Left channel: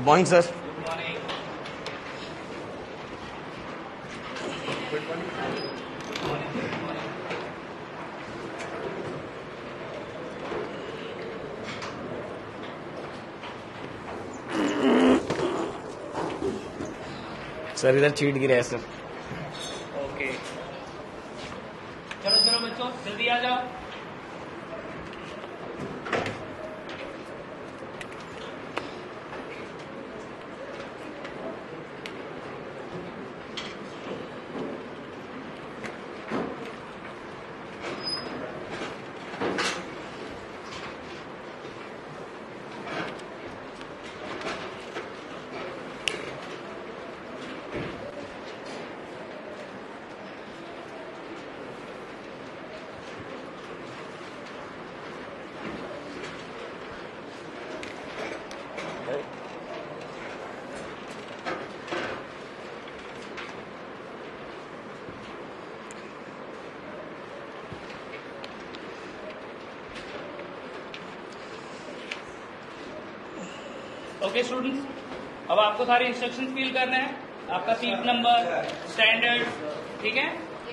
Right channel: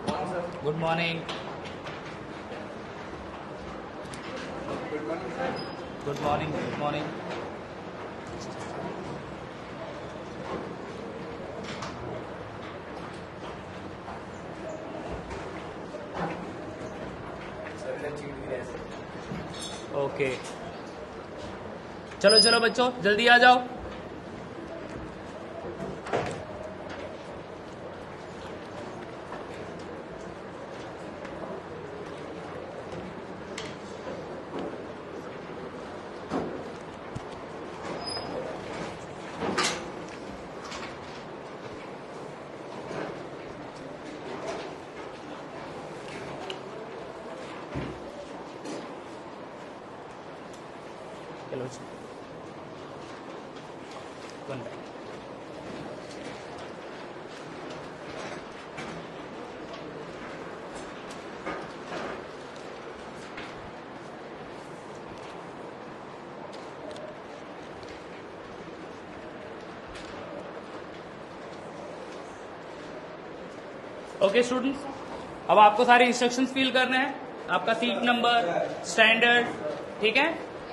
Good morning sir. Good morning. Good morning sir. Good morning. Good morning. Sir इधर cheat गिरा है sir. Okay, चलो चलो बच्चों जल्दी आ जाओ। ओके स्टूडेंट्स, अब आपको सारे इंस्ट्रक्शंस फिल करने हैं। आपका सीट नंबर, स्टैंडर्ड, ठीक है,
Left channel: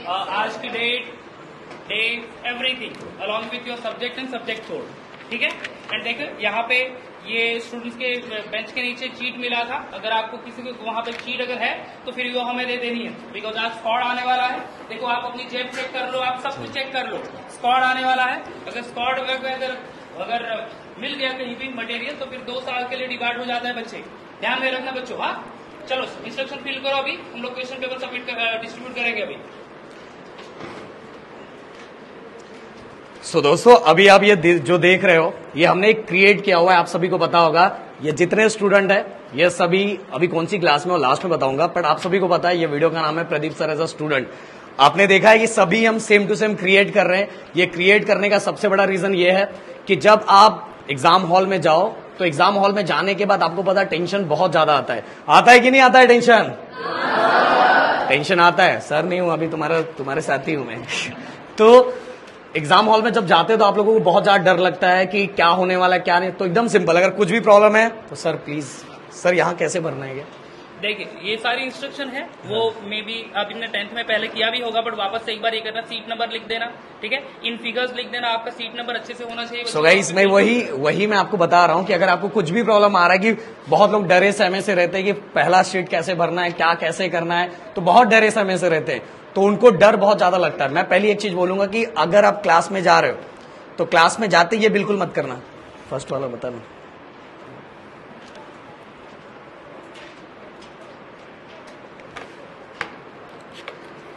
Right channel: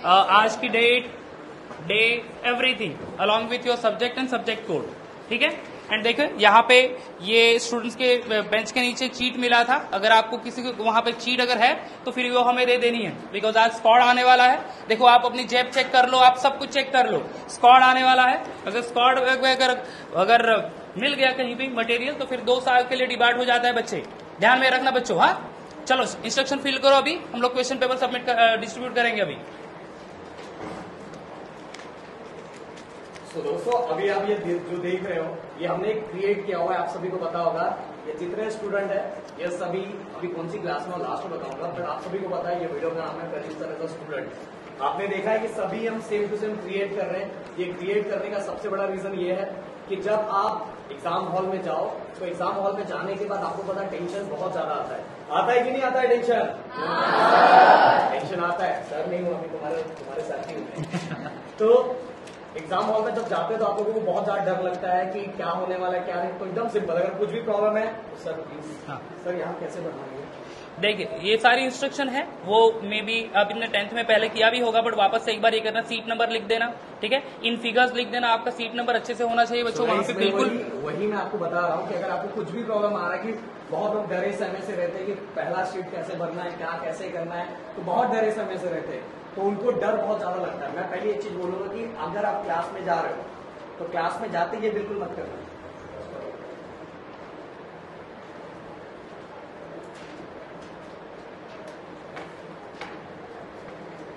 आज की date, day, everything along with your subject and subject code, ठीक है। एंड देखो यहाँ पे ये स्टूडेंट्स के बेंच के नीचे चीट मिला था। अगर आपको किसी को वहां पे चीट अगर है तो फिर वो हमें दे देनी है, बिकॉज आज स्क्वाड आने वाला है। देखो आप अपनी जेब चेक कर लो, आप सब कुछ चेक कर लो, स्क्वाड आने वाला है। अगर स्क्वाड अगर मिल गया कहीं भी मटेरियल तो फिर 2 साल के लिए डिबार्ट हो जाता है बच्चे, ध्यान में रखना बच्चों। हाँ चलो इंस्ट्रक्शन फिल करो, अभी हम लोग क्वेश्चन पेपर डिस्ट्रीब्यूट करेंगे अभी। सो दोस्तों अभी आप ये जो देख रहे हो ये हमने क्रिएट किया हुआ है, आप सभी को पता होगा। ये जितने स्टूडेंट है ये सभी अभी कौन सी क्लास में और लास्ट में बताऊंगा, बट आप सभी को पता है ये वीडियो का नाम है Pradeep sir as a student. आपने देखा है ये सभी हम सेम टू सेम क्रिएट कर रहे हैं। ये क्रिएट करने का सबसे बड़ा रीजन ये है कि जब आप एग्जाम हॉल में जाओ तो एग्जाम हॉल में जाने के बाद आपको पता टेंशन बहुत ज्यादा आता है कि नहीं आता है टेंशन? टेंशन आता है। सर नहीं हूं अभी, तुम्हारे साथी हूं मैं। तो एग्जाम हॉल में जब जाते हैं तो आप लोगों को बहुत ज्यादा डर लगता है कि क्या होने वाला है क्या नहीं। तो एकदम सिंपल, अगर कुछ भी प्रॉब्लम है तो सर प्लीज, सर यहाँ कैसे भरना है? देखिए ये सारी इंस्ट्रक्शन है, वो मे बी आपने 10th में पहले किया भी होगा, बट वापस से एक बार ये करना, सीट नंबर लिख देना, ठीक है, इन फिगर्स लिख देना, आपका सीट नंबर अच्छे से होना चाहिए। सो गाइस मैं वही मैं आपको बता रहा हूँ कि अगर आपको कुछ भी प्रॉब्लम आ रहा है, कि बहुत लोग डरे सहमे से रहते हैं कि पहला शीट कैसे भरना है, क्या कैसे करना है, तो बहुत डरे सहमे से रहते हैं, तो उनको डर बहुत ज्यादा लगता है। मैं पहली एक चीज बोलूंगा कि अगर आप क्लास में जा रहे हो तो क्लास में जाते ये बिल्कुल मत करना। फर्स्ट वाला बता दो।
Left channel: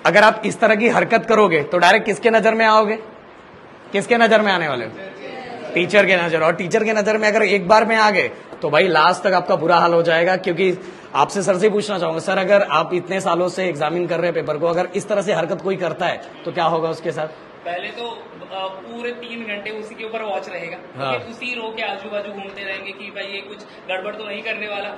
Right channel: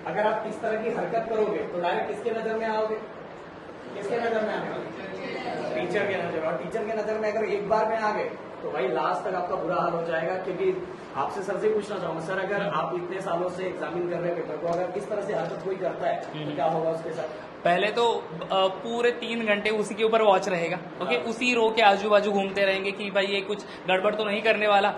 अगर आप इस तरह की हरकत करोगे तो डायरेक्ट किसके नजर में आओगे? किसके नजर में आने वाले हो? टीचर के नजर। और टीचर के नजर में अगर एक बार में आ गए तो भाई लास्ट तक आपका बुरा हाल हो जाएगा। क्योंकि आपसे सर से पूछना चाहूंगा, सर अगर आप इतने सालों से एग्जामिन कर रहे हैं पेपर को, अगर इस तरह से हरकत कोई करता है तो क्या होगा उसके साथ? पहले तो पूरे 3 घंटे उसी के ऊपर वॉच रहेगा, हाँ। उसी रो के आजू बाजू घूमते रहेंगे कि भाई ये कुछ गड़बड़ तो नहीं करने वाला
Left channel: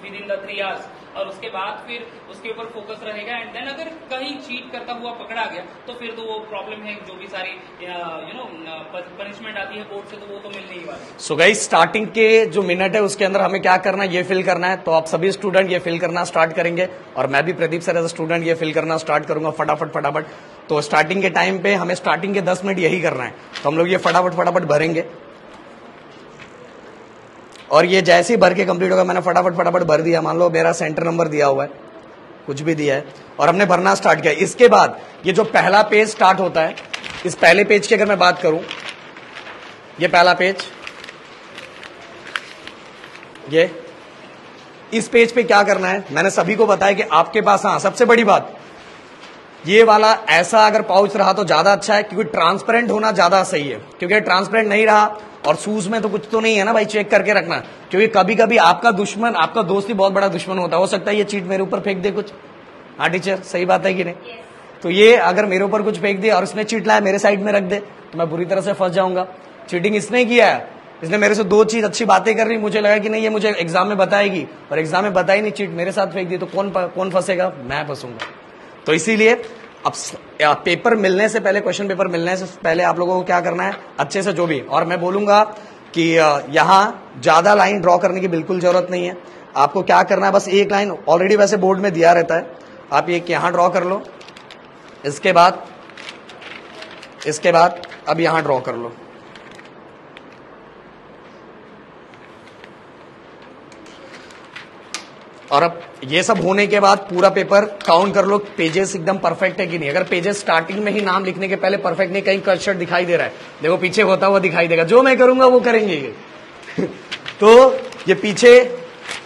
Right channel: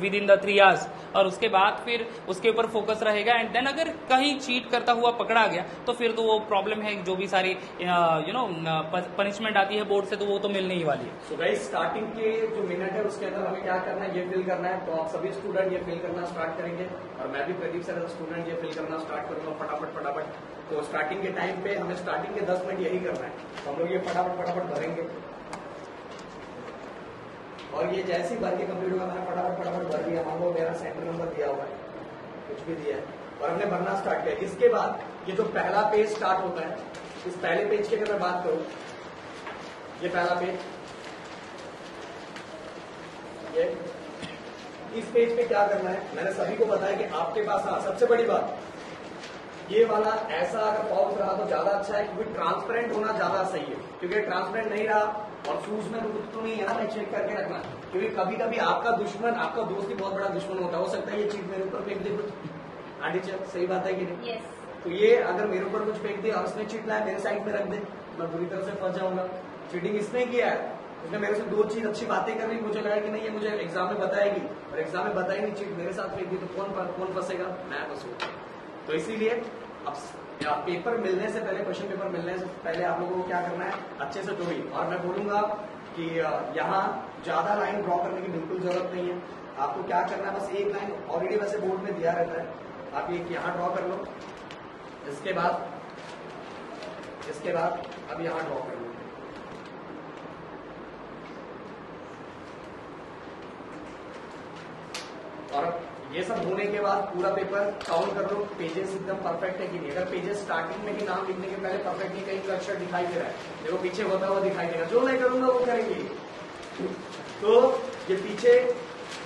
विद इन द 3 आवर्स, और उसके बाद फिर उसके ऊपर फोकस रहेगा। एंड देन अगर कहीं चीट करता हुआ पकड़ा गया तो फिर तो वो प्रॉब्लम है, जो भी सारी पनिशमेंट आती है बोर्ड से तो वो तो मिलने ही वाली। सो गाइस स्टार्टिंग के जो मिनट है उसके अंदर हमें क्या करना है, ये फिल करना है। तो आप सभी स्टूडेंट ये फिल करना स्टार्ट करेंगे और मैं भी Pradeep sir as a student ये फिल करना स्टार्ट करूंगा फटाफट। तो स्टार्टिंग के टाइम पे हमें स्टार्टिंग के 10 मिनट यही करना है, तो हम लोग ये फटाफट भरेंगे। और ये जैसे ही भर के कंप्लीट होगा, मैंने फटाफट भर दिया, मान लो मेरा सेंटर नंबर दिया हुआ है, कुछ भी दिया है, और हमने भरना स्टार्ट किया। इसके बाद ये जो पहला पेज स्टार्ट होता है, इस पहले पेज की अगर मैं बात करूं, ये पहला पेज, ये इस पेज पे क्या करना है मैंने सभी को बताया कि आपके पास, हाँ सबसे बड़ी बात, ये वाला ऐसा अगर पाउच रहा तो ज्यादा अच्छा है, क्योंकि ट्रांसपेरेंट होना ज्यादा सही है। क्योंकि ट्रांसपेरेंट नहीं रहा, और शूज में तो कुछ तो नहीं है ना भाई, चेक करके रखना। क्योंकि कभी कभी आपका दुश्मन, आपका दोस्त ही बहुत बड़ा दुश्मन होता है। हो सकता है ये चीट मेरे ऊपर फेंक दे कुछ। हाँ टीचर सही बात है कि नहीं? तो ये अगर मेरे ऊपर कुछ फेंक दिया और उसने चीट लाया मेरे साइड में रख दे तो मैं बुरी तरह से फंस जाऊंगा। चीटिंग इसने किया है, इसने मेरे से 2 चीज अच्छी बातें कर रही, मुझे लगा कि नहीं ये मुझे एग्जाम में बताएगी, और एग्जाम में बताई नहीं, चीट मेरे साथ फेंक दी, तो कौन फंसेगा? मैं फंसूंगा। तो इसीलिए अब पेपर मिलने से पहले, क्वेश्चन पेपर मिलने से पहले आप लोगों को क्या करना है, अच्छे से जो भी, और मैं बोलूंगा कि यहाँ ज्यादा लाइन ड्रॉ करने की बिल्कुल जरूरत नहीं है। आपको क्या करना है, बस एक लाइन ऑलरेडी वैसे बोर्ड में दिया रहता है, आप एक यहाँ ड्रॉ कर लो, इसके बाद अब यहाँ ड्रॉ कर लो। और अब ये सब होने के बाद पूरा पेपर काउंट कर लो, पेजेस एकदम परफेक्ट है कि नहीं। अगर पेजेस स्टार्टिंग में ही नाम लिखने के पहले परफेक्ट नहीं, कहीं कट शट दिखाई दे रहा है, देखो पीछे होता हुआ दिखाई देगा, जो मैं करूंगा वो करेंगे ये तो ये पीछे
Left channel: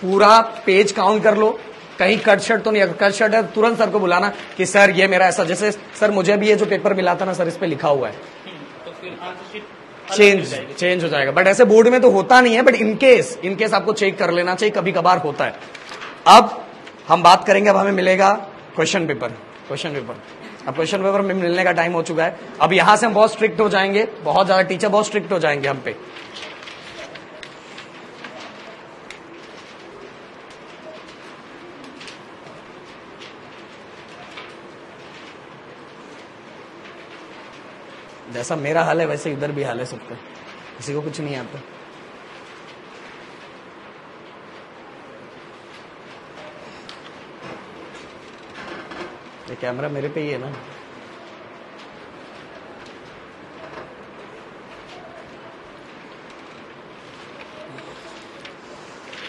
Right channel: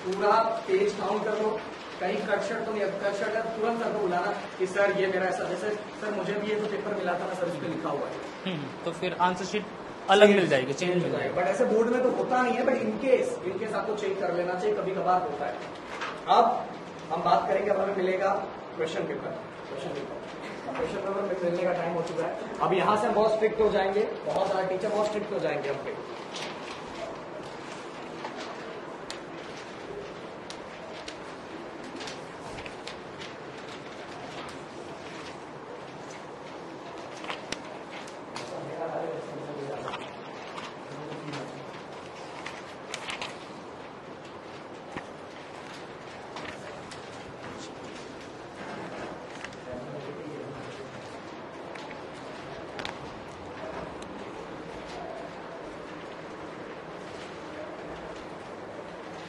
पूरा पेज काउंट कर लो, कहीं कट शट तो नहीं। अगर कट शट है तुरंत सर को बुलाना कि सर ये मेरा ऐसा, जैसे सर मुझे भी ये जो पेपर मिला था ना सर, इस पे लिखा हुआ है, तो फिर आंसर शीट चेंज हो जाएगा। बट ऐसे बोर्ड में तो होता नहीं है, बट इनकेस आपको चेक कर लेना चाहिए, कभी कभार होता है। अब हम बात करेंगे, अब हमें मिलेगा क्वेश्चन पेपर। अब क्वेश्चन पेपर में मिलने का टाइम हो चुका है। अब यहां से हम बहुत स्ट्रिक्ट हो जाएंगे, बहुत ज्यादा टीचर बहुत स्ट्रिक्ट हो जाएंगे हम पे। जैसा मेरा हाल है वैसे इधर भी हाल है सबका, किसी को कुछ नहीं आता। ये कैमरा मेरे पे ही है ना।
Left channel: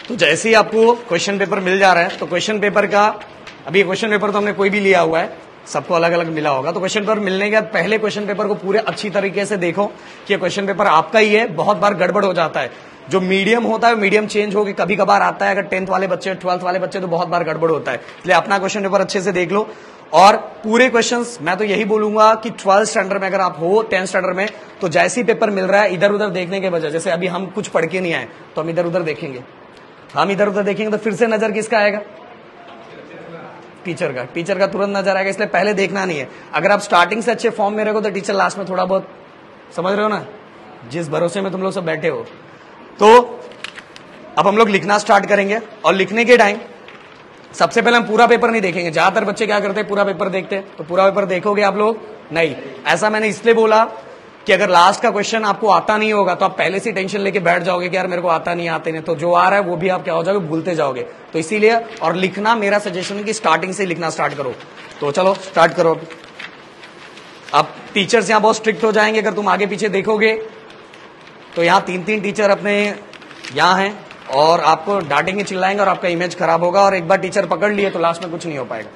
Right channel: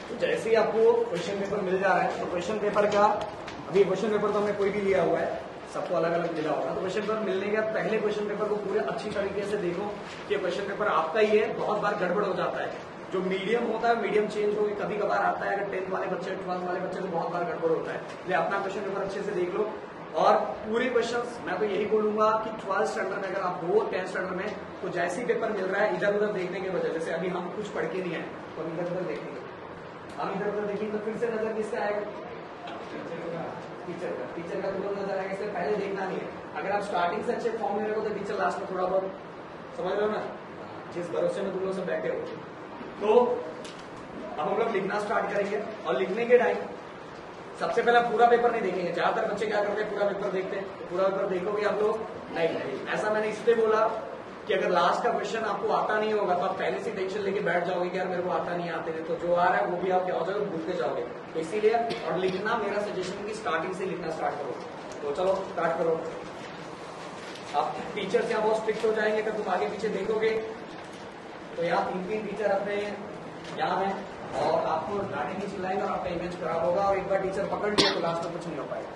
तो जैसे ही आपको क्वेश्चन पेपर मिल जा रहा है, तो क्वेश्चन पेपर का, अभी क्वेश्चन पेपर तो हमने कोई भी लिया हुआ है, सबको अलग अलग मिला होगा। तो क्वेश्चन पेपर मिलने के बाद पहले क्वेश्चन पेपर को पूरे अच्छी तरीके से देखो कि क्वेश्चन पेपर आपका ही है। बहुत बार गड़बड़ हो जाता है, जो मीडियम होता है मीडियम चेंज होकर कभी कभार आता है। अगर 10th वाले बच्चे 12th वाले बच्चे तो बहुत बार गड़बड़ होता है, इसलिए अपना क्वेश्चन पेपर अच्छे से देख लो। और पूरे क्वेश्चंस मैं तो यही बोलूंगा कि 12th स्टैंडर्ड में अगर आप हो, 10th स्टैंडर्ड में, तो जैसे ही पेपर मिल रहा है इधर उधर देखने के बजाय, जैसे अभी हम कुछ पढ़ के नहीं आए तो हम इधर उधर देखेंगे, तो फिर से नजर किसका आएगा, टीचर का तुरंत नजर आएगा। इसलिए पहले देखना नहीं है। अगर आप स्टार्टिंग से अच्छे फॉर्म में रहो तो टीचर लास्ट में थोड़ा बहुत, समझ रहे हो ना, जिस भरोसे में तुम लोग सब बैठे हो। तो अब हम लोग लिखना स्टार्ट करेंगे, और लिखने के टाइम सबसे पहले हम पूरा पेपर नहीं देखेंगे। ज्यादातर बच्चे क्या करते हैं, पूरा पेपर देखते हैं। तो पूरा पेपर देखोगे आप लोग नहीं, ऐसा मैंने इसलिए बोला कि अगर लास्ट का क्वेश्चन आपको आता नहीं होगा तो आप पहले से टेंशन लेके बैठ जाओगे कि यार मेरे को आता नहीं, तो जो आ रहा है वो भी आप क्या हो जाओगे, भूलते जाओगे। तो इसीलिए, और लिखना मेरा सजेशन है कि स्टार्टिंग से लिखना स्टार्ट करो। तो चलो स्टार्ट करो। अब टीचर्स यहाँ बहुत स्ट्रिक्ट हो जाएंगे, अगर तुम आगे पीछे देखोगे तो यहाँ 3 टीचर अपने यहाँ हैं, और आपको डांटेंगे, चिल्लाएंगे, और आपका इमेज खराब होगा। और एक बार टीचर पकड़ लिए तो लास्ट में कुछ नहीं हो पाएगा।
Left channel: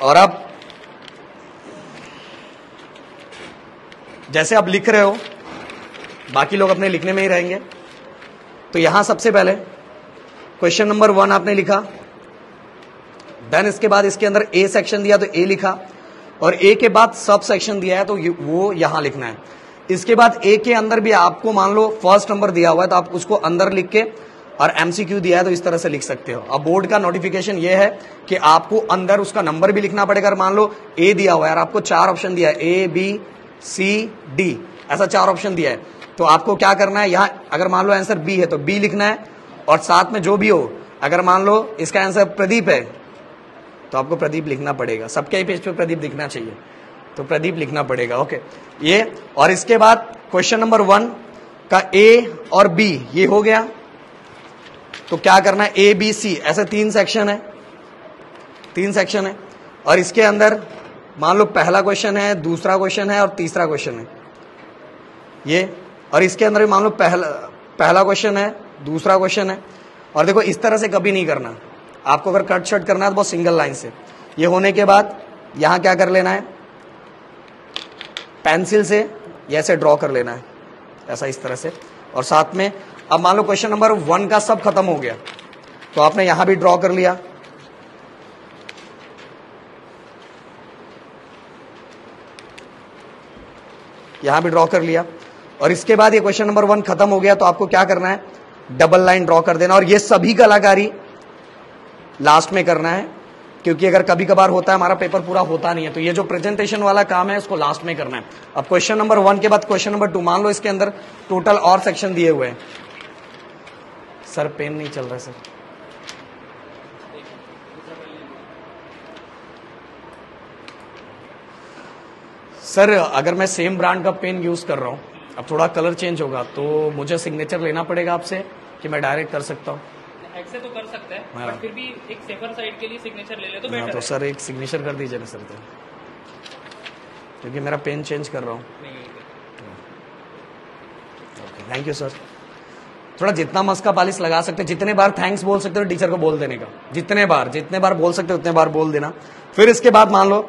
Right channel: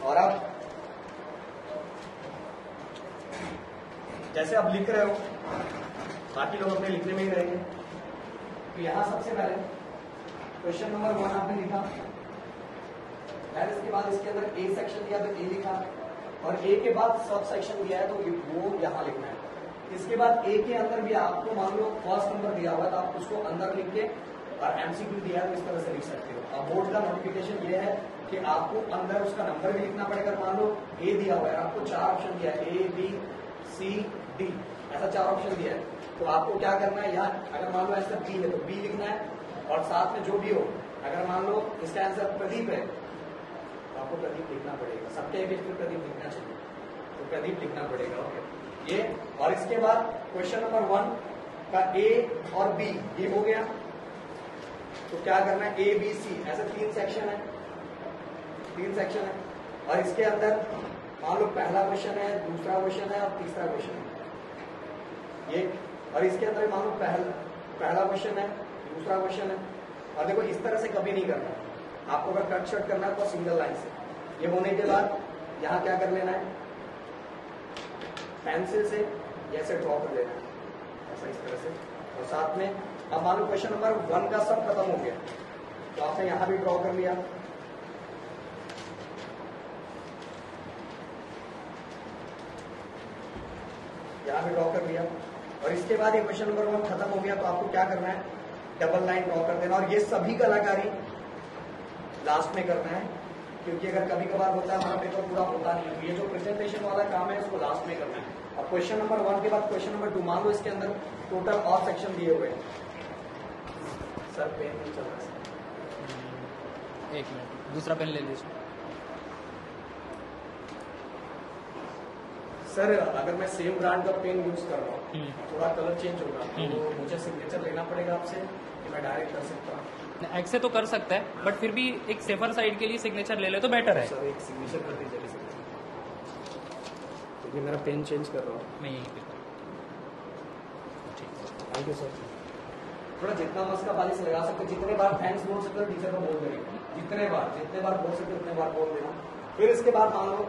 और अब जैसे आप लिख रहे हो, बाकी लोग अपने लिखने में ही रहेंगे। तो यहां सबसे पहले क्वेश्चन नंबर 1 आपने लिखा, देन इसके बाद इसके अंदर ए सेक्शन दिया तो ए लिखा, और ए के बाद सब सेक्शन दिया है तो वो यहां लिखना है। इसके बाद ए के अंदर भी आपको मान लो फर्स्ट नंबर दिया हुआ है तो आप उसको अंदर लिख के, और एमसीक्यू दिया है तो इस तरह से लिख सकते हो। अब बोर्ड का नोटिफिकेशन ये है कि आपको अंदर उसका नंबर भी लिखना पड़ेगा। मान लो ए दिया हुआ है और आपको 4 ऑप्शन दिया है, ए बी सी डी, ऐसा 4 ऑप्शन दिया है, तो आपको क्या करना है, यहाँ अगर मान लो आंसर बी है तो बी लिखना है, और साथ में जो भी हो, अगर मान लो इसका आंसर प्रदीप है तो आपको प्रदीप लिखना पड़ेगा। सबके ही पेज पे प्रदीप दिखना चाहिए, तो प्रदीप लिखना पड़ेगा। ओके, ये, और इसके बाद क्वेश्चन नंबर 1 का ए और बी ये हो गया। तो क्या करना है, ए बी सी ऐसे 3 सेक्शन है, और इसके अंदर मान लो पहला क्वेश्चन है, दूसरा क्वेश्चन है और तीसरा क्वेश्चन है ये, और इसके अंदर भी मान लो पहला क्वेश्चन है, दूसरा क्वेश्चन है। और देखो इस तरह से कभी नहीं करना, आपको अगर कट शट करना है तो बहुत सिंगल लाइन से। ये होने के बाद यहां क्या कर लेना है, पेंसिल से ऐसे ड्रॉ कर लेना है, ऐसा इस तरह से। और साथ में अब मान लो क्वेश्चन नंबर 1 का सब खत्म हो गया तो आपने यहां भी ड्रॉ कर लिया, यहां भी ड्रॉ कर लिया। और इसके बाद ये क्वेश्चन नंबर 1 खत्म हो गया तो आपको क्या करना है, डबल लाइन ड्रॉ कर देना। और ये सभी कलाकारी लास्ट में करना है, क्योंकि अगर कभी कभार होता है हमारा पेपर पूरा होता नहीं है, तो ये जो प्रेजेंटेशन वाला काम है इसको लास्ट में करना है। अब क्वेश्चन नंबर 1 के बाद क्वेश्चन नंबर 2, मान लो इसके अंदर टोटल और सेक्शन दिए हुए हैं। सर पेन नहीं चल रहा सर, दूसरा पेन ले लीजिए। सर अगर मैं सेम ब्रांड का पेन यूज कर रहा हूँ, अब थोड़ा कलर चेंज होगा तो मुझे सिग्नेचर लेना पड़ेगा आपसे कि मैं डायरेक्ट कर सकता हूँ? ऐसे तो कर सकता है, बट फिर भी एक सेफर साइड के लिए सिग्नेचर ले ले तो बेटर तो है। सर एक सिग्नेचर कर दीजिएगा सर, क्योंकि मेरा पेन चेंज कर रहा हूँ। Thank you sir. थोड़ा जितना मस्का पालिश लगा सकते, जितने बार थैंक्स बोल सकते हो टीचर को बोल देने का, जितने बार बोल सकते हो उतने बार बोल देना। फिर इसके बाद मान लो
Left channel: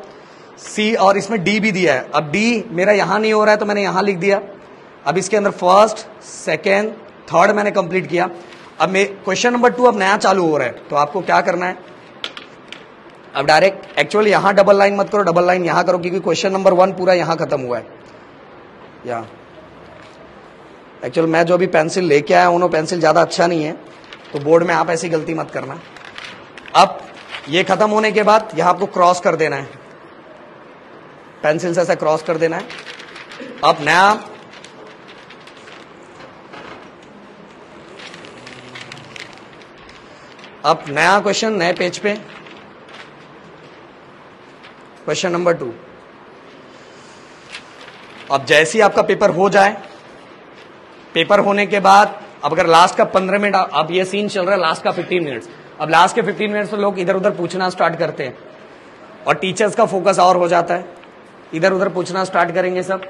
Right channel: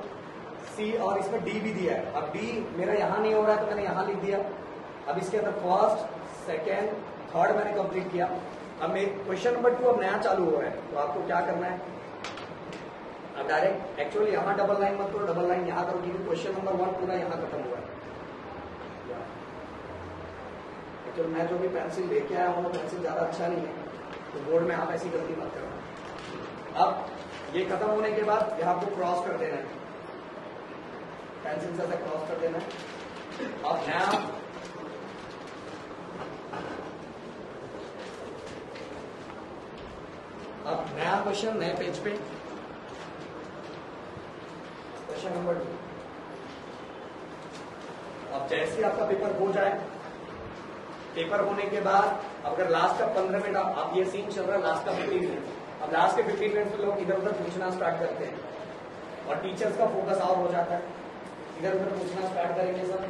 सी और इसमें डी भी दिया है, अब डी मेरा यहां नहीं हो रहा है तो मैंने यहां लिख दिया। अब इसके अंदर फर्स्ट, सेकेंड, थर्ड मैंने कंप्लीट किया। अब मैं क्वेश्चन नंबर 2 अब नया चालू हो रहा है, तो आपको क्या करना है, अब डायरेक्ट एक्चुअली यहां डबल लाइन मत करो, डबल लाइन यहां करो, क्योंकि क्वेश्चन नंबर 1 पूरा यहां खत्म हुआ है। यहाँ एक्चुअल मैं जो अभी पेंसिल लेके आया हूं पेंसिल ज्यादा अच्छा नहीं है, तो बोर्ड में आप ऐसी गलती मत करना। अब ये खत्म होने के बाद यहां आपको क्रॉस कर देना है, पेंसिल से ऐसा क्रॉस कर देना है। अब नया क्वेश्चन नए पेज पे, क्वेश्चन नंबर 2। अब जैसे ही आपका पेपर हो जाए, पेपर होने के बाद अब अगर लास्ट का 15 मिनट, अब ये सीन चल रहा है लास्ट का 15 मिनट्स, अब लास्ट के 15 मिनट्स में लोग इधर उधर पूछना स्टार्ट करते हैं और टीचर्स का फोकस और हो जाता है, इधर उधर पूछना स्टार्ट करेंगे सब।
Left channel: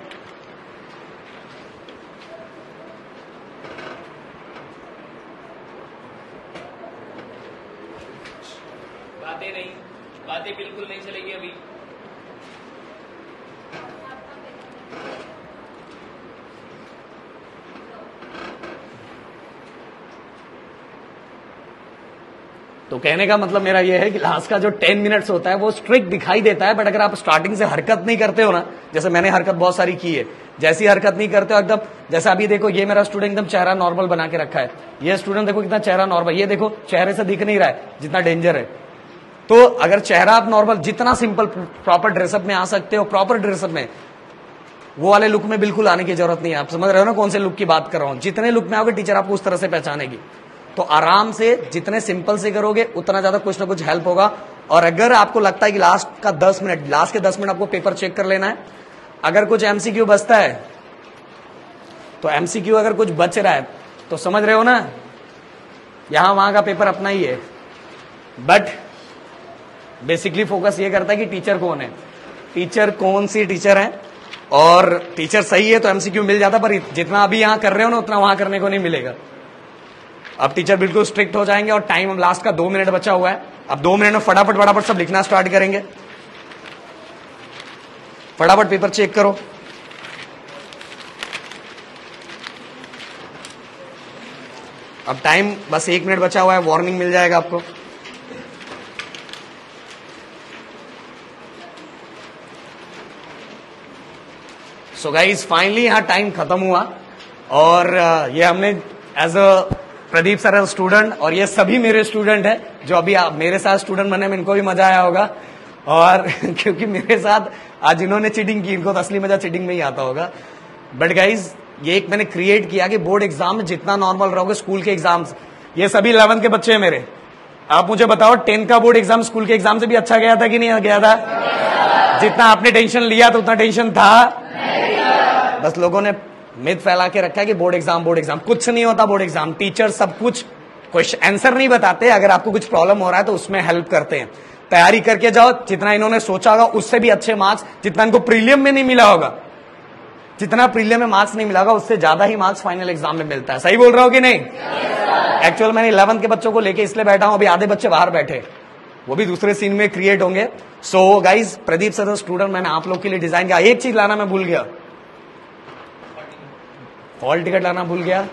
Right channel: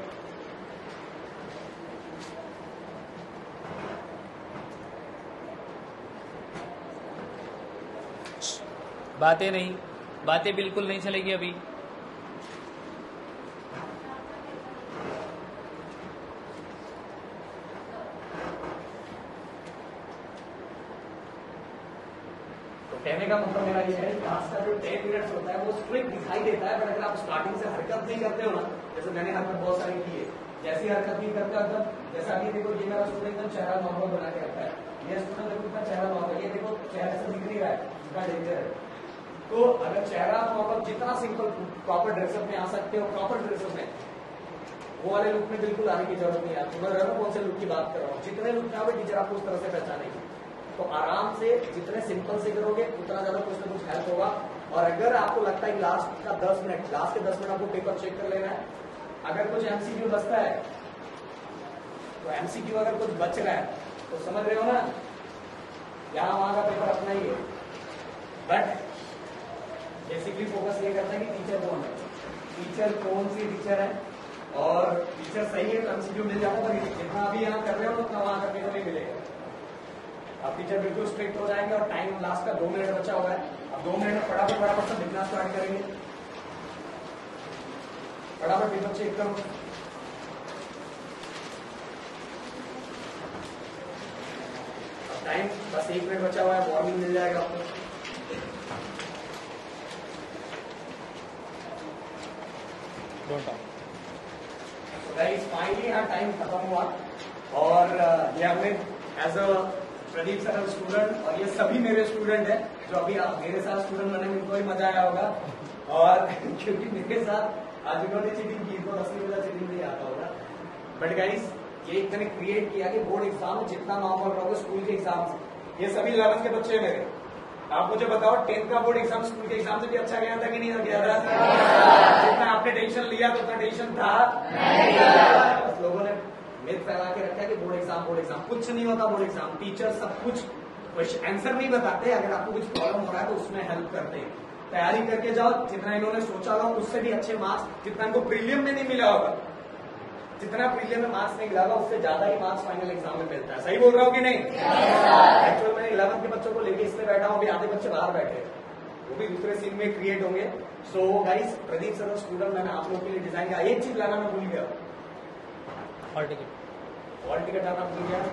बातें बिल्कुल नहीं चलेगी अभी। तो कहने का मतलब मेरा ये है कि लास्ट का जो 10 मिनट्स होता है वो स्ट्रिक्ट दिखाई देता है, बट अगर आप स्टार्टिंग से हरकत नहीं करते हो ना, जैसे मैंने हरकत बहुत सारी की है, जैसी हरकत नहीं करते हो एकदम, जैसे अभी देखो ये मेरा स्टूडेंट एकदम चेहरा नॉर्मल बना के रखा है, ये स्टूडेंट देखो कितना चेहरा नॉर्मल, ये देखो चेहरे से दिख नहीं रहा है जितना डेंजर है। तो अगर चेहरा आप नॉर्मल, जितना सिंपल प्रॉपर ड्रेसअप में आ सकते हो, प्रॉपर ड्रेसअप में, वो वाले लुक में बिल्कुल आने की जरूरत नहीं है। आप समझ रहे हो ना कौन से लुक की बात कर रहा हूं? जितने लुक में आओगे टीचर आपको उस तरह से पहचानेगी। तो आराम से जितने सिंपल से करोगे उतना ज्यादा कुछ ना कुछ हेल्प होगा। और अगर आपको लगता है कि लास्ट के 10 मिनट आपको पेपर चेक कर लेना है, अगर कुछ एमसीक्यू बचता है तो एमसीक्यू अगर कुछ बच रहा है तो समझ रहे हो ना, यहां वहां का पेपर अपना ही है, बट बेसिकली फोकस ये करता है कि टीचर कौन है, टीचर कौन सी टीचर है, और टीचर सही है तो एमसीक्यू मिल जाता, पर जितना अभी यहां कर रहे हो ना उतना वहां करने को नहीं मिलेगा। अब टीचर बिल्कुल स्ट्रिक्ट हो जाएंगे और टाइम लास्ट का 2 मिनट बचा हुआ है। अब 2 मिनट में फटाफट सब लिखना स्टार्ट करेंगे, फटाफट पेपर चेक करो। अब टाइम बस 1 मिनट बचा हुआ है, वार्निंग मिल जाएगा आपको। सो गाइस फाइनली यहाँ टाइम खत्म हुआ और ये हमने as a Pradeep sir student, और ये सभी मेरे स्टूडेंट है जो अभी मेरे साथ स्टूडेंट बने में इनको भी मजा आया होगा। और क्योंकि मेरे साथ आज इन्होंने चीटिंग की, इनको तो असली मजा चीटिंग में ही आता होगा। बट गाइज ये एक मैंने क्रिएट किया कि बोर्ड एग्जाम में जितना नॉर्मल रहोगे, स्कूल के एग्जाम्स, ये सभी 11th के बच्चे हैं मेरे। आप मुझे बताओ 10 का बोर्ड एग्जाम स्कूल के एग्जाम से भी अच्छा गया था कि नहीं गया था? जितना आपने टेंशन लिया तो उतना टेंशन था? बस लोगों ने मिथ फैला के रखा है कि बोर्ड एग्जाम कुछ नहीं होता। बोर्ड एग्जाम टीचर सब कुछ क्वेश्चन आंसर नहीं बताते, अगर आपको कुछ प्रॉब्लम हो रहा है तो उसमें हेल्प करते हैं। तैयारी करके जाओ, जितना इन्होंने सोचा होगा उससे भी अच्छे मार्क्स, जितना इनको प्रीलियम में नहीं मिला होगा, जितना प्रीलियम में मार्क्स नहीं मिला होगा उससे ज्यादा ही मार्क्स फाइनल एग्जाम में मिलता है। सही बोल रहा हो कि नहीं? एक्चुअल मैंने 11th के बच्चों को लेके इसलिए बैठा हूं, अभी आधे बच्चे बाहर बैठे, वो भी दूसरे सीन में क्रिएट होंगे। So guys Pradeep sir student मैंने आप लोग के लिए डिजाइन किया। एक चीज लाना मैं भूल गया, हॉल टिकट लाना भूल गया।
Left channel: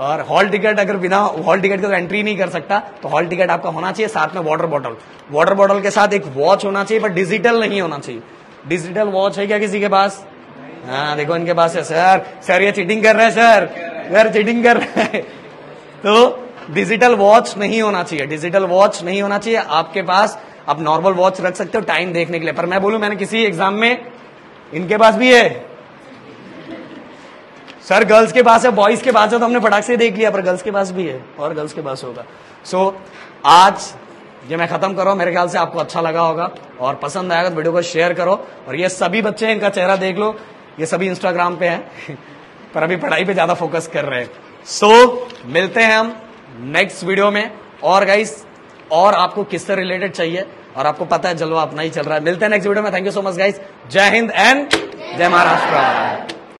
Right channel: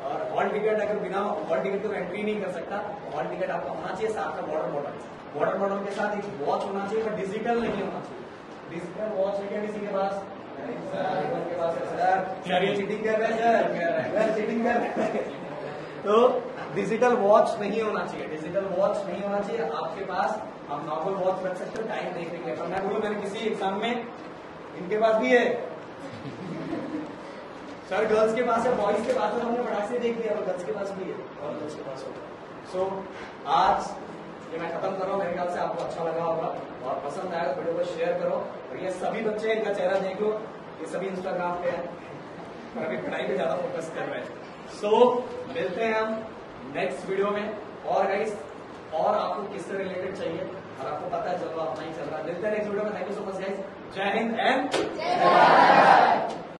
और हॉल टिकट, अगर बिना हॉल टिकट के तो एंट्री नहीं कर सकता, तो हॉल टिकट आपका होना चाहिए, साथ में वाटर बॉटल के साथ एक वॉच होना चाहिए, पर डिजिटल नहीं होना चाहिए। डिजिटल वॉच है क्या किसी के पास? हाँ देखो इनके पास है। सर ये चीटिंग कर रहे हैं, सर चीटिंग कर रहे हैं। तो डिजिटल वॉच नहीं होना चाहिए, आपके पास आप नॉर्मल वॉच रख सकते हो टाइम देखने के लिए। पर मैं बोलूं, मैंने किसी एग्जाम में, इनके पास भी है सर, गर्ल्स के पास है, बॉयज के पास है तो हमने फटाक से देख लिया, पर गर्ल्स के पास भी है और गर्ल्स के पास होगा। सो आज ये मैं खत्म कर रहा हूँ। मेरे ख्याल से आपको अच्छा लगा होगा और पसंद आएगा तो वीडियो को शेयर करो। और ये सभी बच्चे, इनका चेहरा देख लो, ये सभी इंस्टाग्राम पे हैं पर अभी पढ़ाई पे ज्यादा फोकस कर रहे हैं। सो मिलते हैं हम नेक्स्ट वीडियो में। और गाइस, और आपको किससे रिलेटेड चाहिए और आपको पता है जलवा अपना ही चल रहा है। मिलते हैं नेक्स्ट वीडियो में। Thank you so much guys. जय हिंद एंड जय महाराष्ट्र।